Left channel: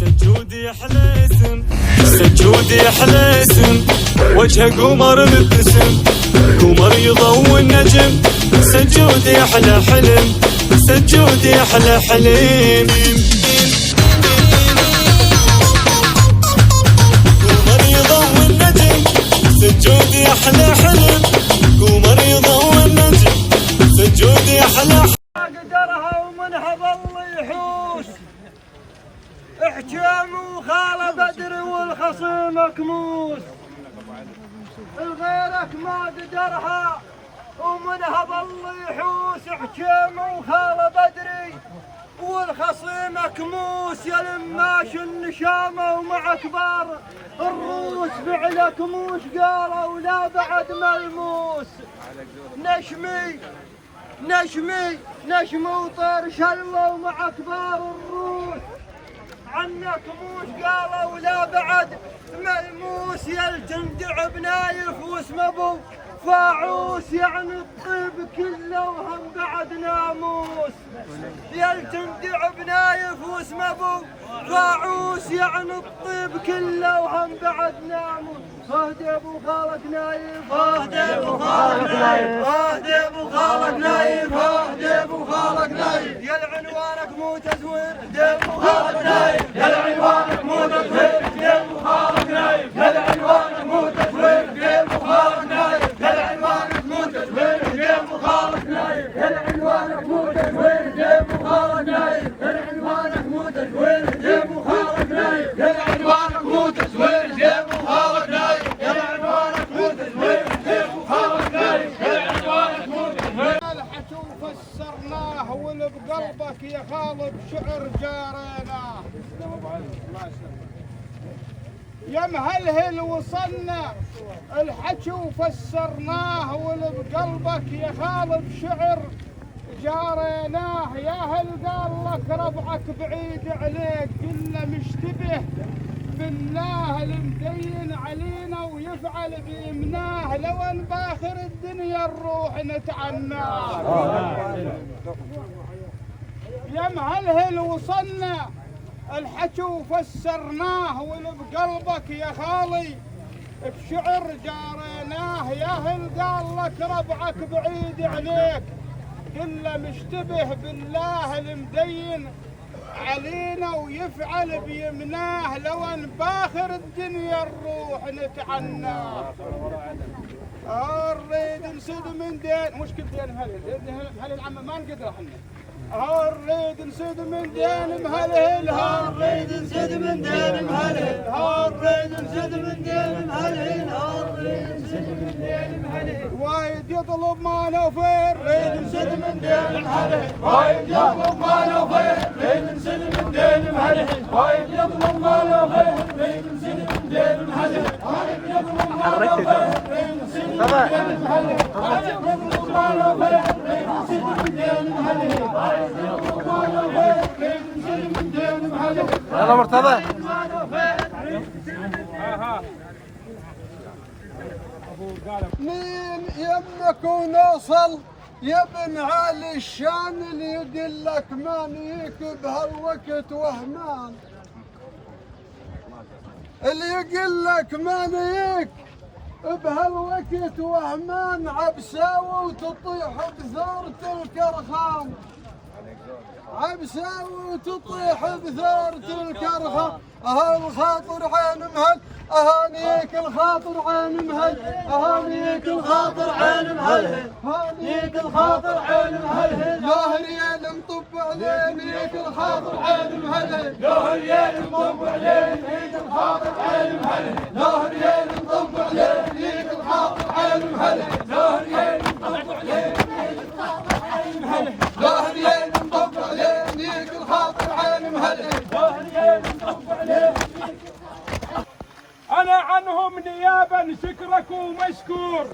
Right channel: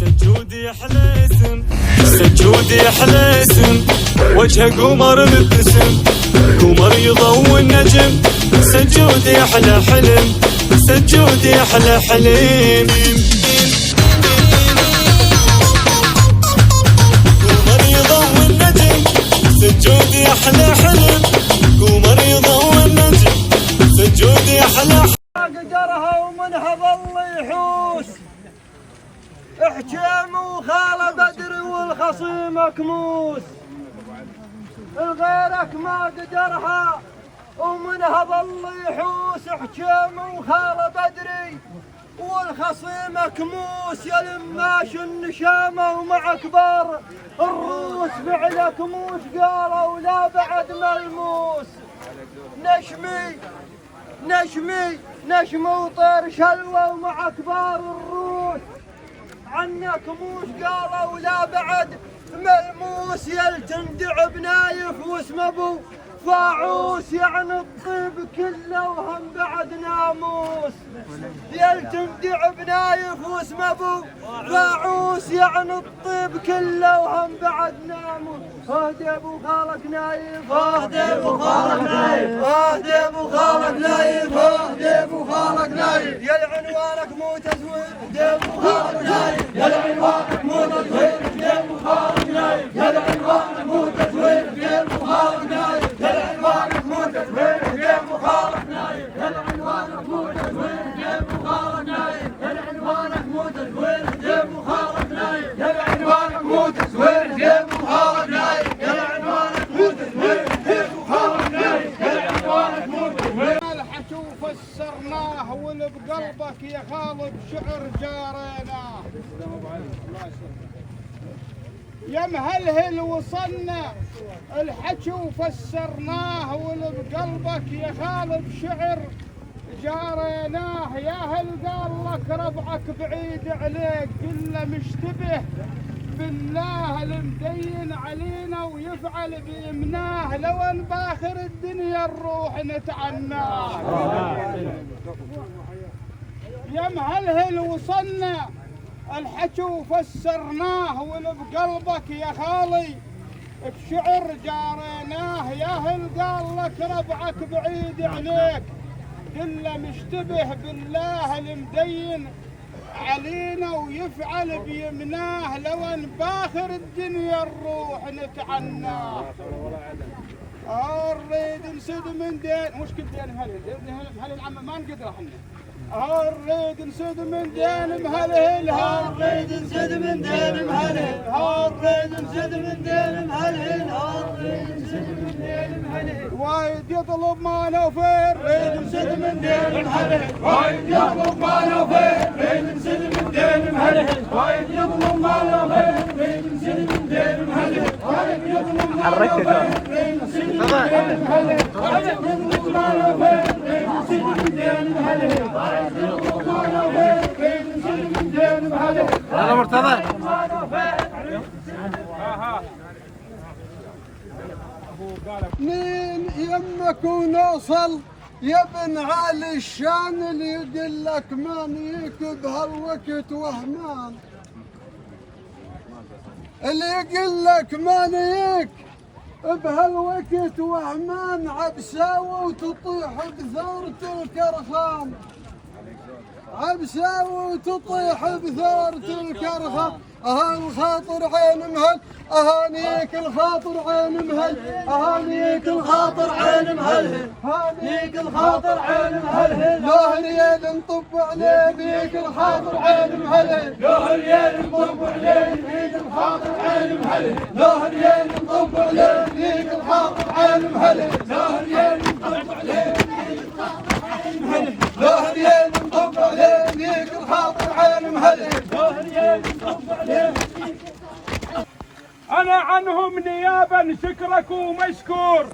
سجودي احلى اسم، سجودي احلى اسم، وجهه قمر مبتسم، قمر يضوي النجم، سجودي احلى حلم، سجودي احلى حلم. قمر يضوي النجم، سجودي احلى حلم، قمر يضوي النجم، سجودي احلى حلم. قدرها ومنها ظل يحوس، احجام وخال بدر والخصيم كموس، غيرك ما قدرها ومنها ظل يحوس، احجام وخال بدري والخصيم كموس، يا لماش النشامه ومع كبار الروس فعلك موس، قالوا لا بعد ملموس. نشمي وطير شلوى ومع كبار الروس، عنك موش قالوا لا بعد ملموس، يلتندع بنايف واسم ابو فاعوس، يعني الطيب كله وهم بعد ناموس، يلتندع بنايف واسم ابو فاعوس، يعني الطيب كله وهم بعد ناموس. اهدي ابو خالك نايف، اهدي ابو خالك نايف، اهدي ابو خالك نايف، اهدي ابو خالك نايف، يا العنوانك مو تزوير، اهدي ابو خالك نايف، يا العنوانك مو تزوير، اهدي ابو خالك نايف، يا العنوانك مو تزوير، اهدي ابو خالك نايف، يا العنوانك مو تزوير، اهدي ابو خالك نايف، يا العنوانك مو تزوير، اهدي ابو خالك نايف، يا العنوانك مو تزوير، اهدي ابو خالك نايف، يا العنوانك مو تزوير، اهدي ابو خالك نايف، يا العنوانك مو تزوير، اهدي ابو خالك نايف، يا العنوانك مو تزوير. الحكي وفسرناه واللي بقلبك يا خالد شعر جاريناه، يا مهلهل وصلنا الحكي وفسرناه واللي بقلبك يا خالد شعر جاريناه، يا هل قال لك ربعك بعيد عليك قل مشتبه بالله المدين علينا ويفعل بيمناه، لو ان باخر الدنيا نروح نتعناه، يا مهلهل وصلنا الحكي وفسرناه واللي بقلبك يا خالي بشعر جاريناه، يا هل قال لك ربعك بعيد عليك قل مشتبه بالله المدين علينا ويفعل بيمناه، لو ان باخر الدنيا نروح نتعناه. نريد نسد من دين، مشكل دين مهلهل عم ما نقدر احنا، نريد نسد من دين مهلهل، نريد نسد من دين مهلهل، نريد نسد من دين مهلهل، نريد نسد من دين مهلهل، وايد يطلب ما نوفر، نريد نسد من دين مهلهل، وايد يطلب ما نوفر، نريد نسد من دين مهلهل، وايد يطلب ما نوفر، نريد نسد من دين مهلهل، وايد يطلب ما نوفر، نريد نسد من دين مهلهل، وايد يطلب ما نوفر، نريد نسد من دين مهلهل، وايد يطلب ما نوفر، نريد نسد من دين مهلهل. هلا مرتضى. من يمك ونوصل يا ابن علي الشان، اللي يدلك ما نيك بهالوقت وهمان، اللي يقول لك ما نيك بهالوقت وهمان، عبساوة وتطيح بثورة الكرخان، عبساوة وتطيح بثورة الكرخان، الخاطر عين مهل، اهانيك الخاطر عين مهل، اهانيك الخاطر عين مهل، هانيك الخاطر عين مهل، ظهريين نطب عليك الخاطر عين مهل، ظهريين نطب عليك الخاطر عين مهل، ظهريين نطب عليك الخاطر عين مهل، ظهريين نطب عليك الخاطر عين مهل، ظهريين نطب عليك الخاطر عين مهل، ظهريين نطب عليك. أنا عنهم نيابا شكرك ومشكور،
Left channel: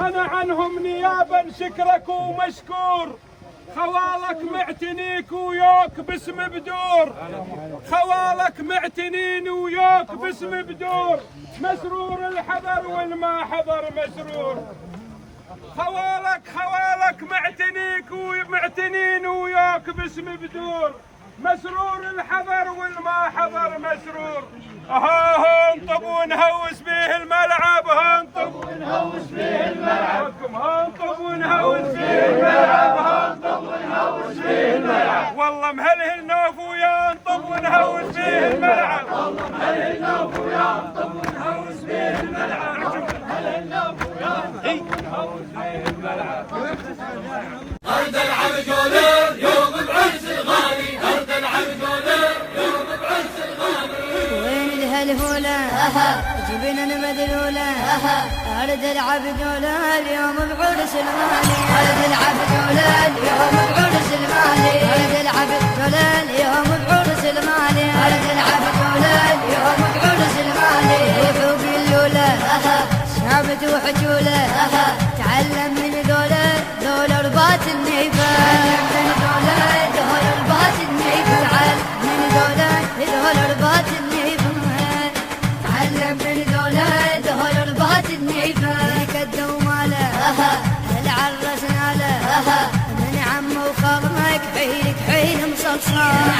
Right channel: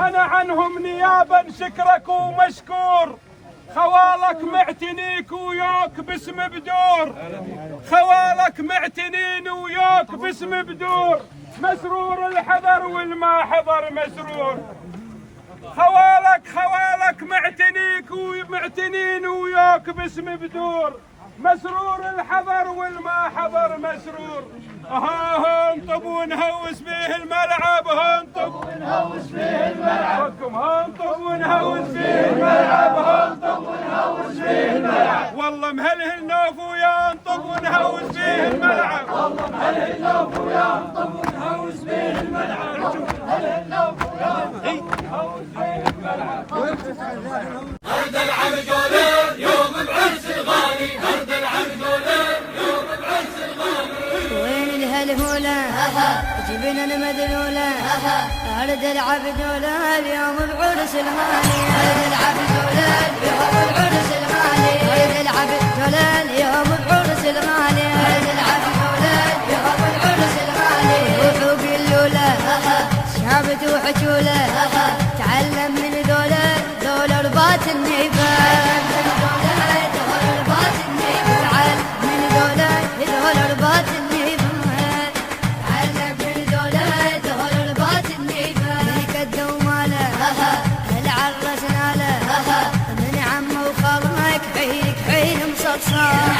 أنا عنهم نيابا شكرك ومشكور، خوالك معتنيك وياك باسم بدور، خوالك معتنين وياك باسم بدور، مسرور الحضر والما حضر مسرور، خوالك معتنيك ومعتنين وياك باسم بدور، مسرور الحضر والما حضر مسرور. هنطب ونهوس بيه الملعب، هنطب ونهوس بيه الملعب، هنطب ونهوس بيه الملعب، هنطب ونهوس بيه الملعب. والله مهله النوف ويا نطب ونهوس بيه الملعب، والله مهله النوف ويا نطب ونهوس بيه الملعب، مهله النوف ويا نطب ونهوس بيه الملعب. هرد العبد وليل يوم بعز الغالي، هرد العبد وليل يوم بعز الغالي. وين الهلهولة جبنا المذلولة، هرد العبد ولا اليوم بعرس الغالي، هرد العبد ولا اليوم بعرس الغالي. روحوا قلوله شابت وحجوله، تعلم من ذولا رباط النيفة، تعلم من ذولا رباط النيفة، تعلم من ذولا رباط النيفة. ليك الدومالة هل عرسنا له، من عمه وخالك حيلك حيل مصلصال.